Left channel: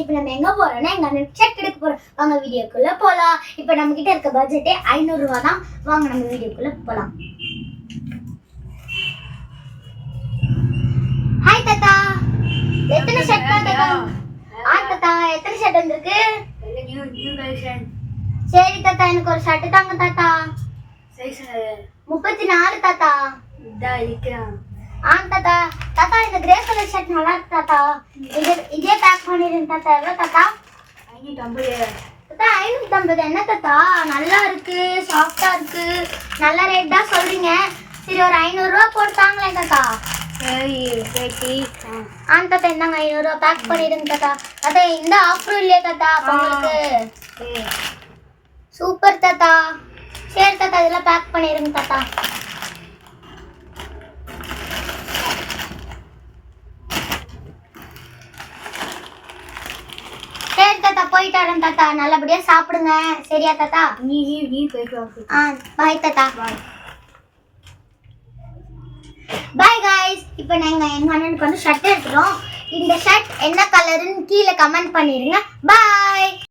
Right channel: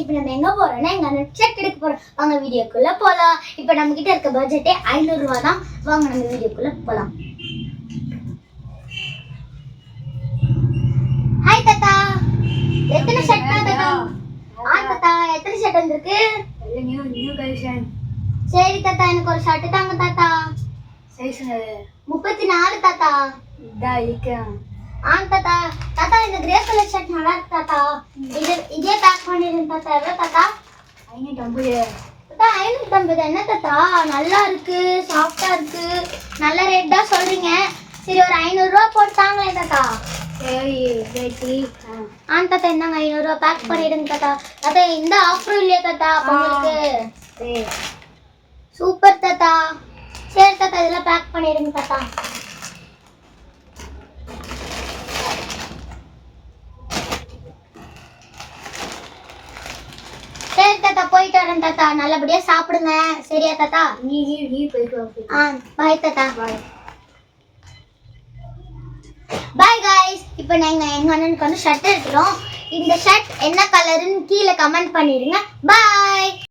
இப்போ நம்ம எங்க போறோம்னா எங்க அண்ணன் ஷர்ட் எடுக்க போறோம். வாங்க வீடியோக்குள்ள போலாம். இப்போ நம்ம கிட்ட இருக்க பட்ஜெட்டே 500 ரூபாய் தான். வாங்க நம்ம வீடியோக்குள்ள போலாம். ஹாய் தாத்தா, எத்தனை ஷர்ட் தாத்தா? தாத்தா எத்தனை ஷர்ட் வந்திருக்கு? New collection. சரி தாத்தா, எனக்கு ஒரு ஷர்ட் தாங்க தாத்தா. சைஸ் 34 தாத்தா. இதா இருக்கேன். தாத்தா தாத்தா இந்த கிரே கலர் ஷர்ட் நல்லா இருக்கு தாத்தா. இதே பேக் பண்ணிடுங்க தாத்தா. எவ்வளோ தாத்தா? 550. தாத்தா 550 என்ன தாத்தா? நல்லா இருக்கு, சாஃப்டா இருக்கு, நல்ல ரேட் தான் சொல்றீங்க. சரி ஒரு 500 ரூபா போட்டு தாங்களே தாத்தா. சரி பேட்டி. தாத்தா இந்தாங்க 500 ரூபா பேக் பண்ணிடுங்க தாத்தா. தாத்தா இந்த ஆஃபரும் இல்லையா தாத்தா உங்களுக்கு? சரி சூப்பர் தாத்தா. சரி தாத்தா இதெல்லாம் பேக் பண்ணிடுங்க தாத்தா. சரி தாத்தா போயிட்டு வரேன் தாத்தா. நல்லபடியா சாப்பிடுங்க. சரியா தாத்தா? நீ போயிட்டு வா. பாய் தாத்தா. Bye guys. இப்போ நாங்கள் எங்கள் அண்ணனுக்கு வந்து ஷர்ட் எடுத்துகிறோம். இந்த ஷர்ட் என்ன கலருன்னு கீழே கமெண்ட் பண்ணிடுங்க. பாய்.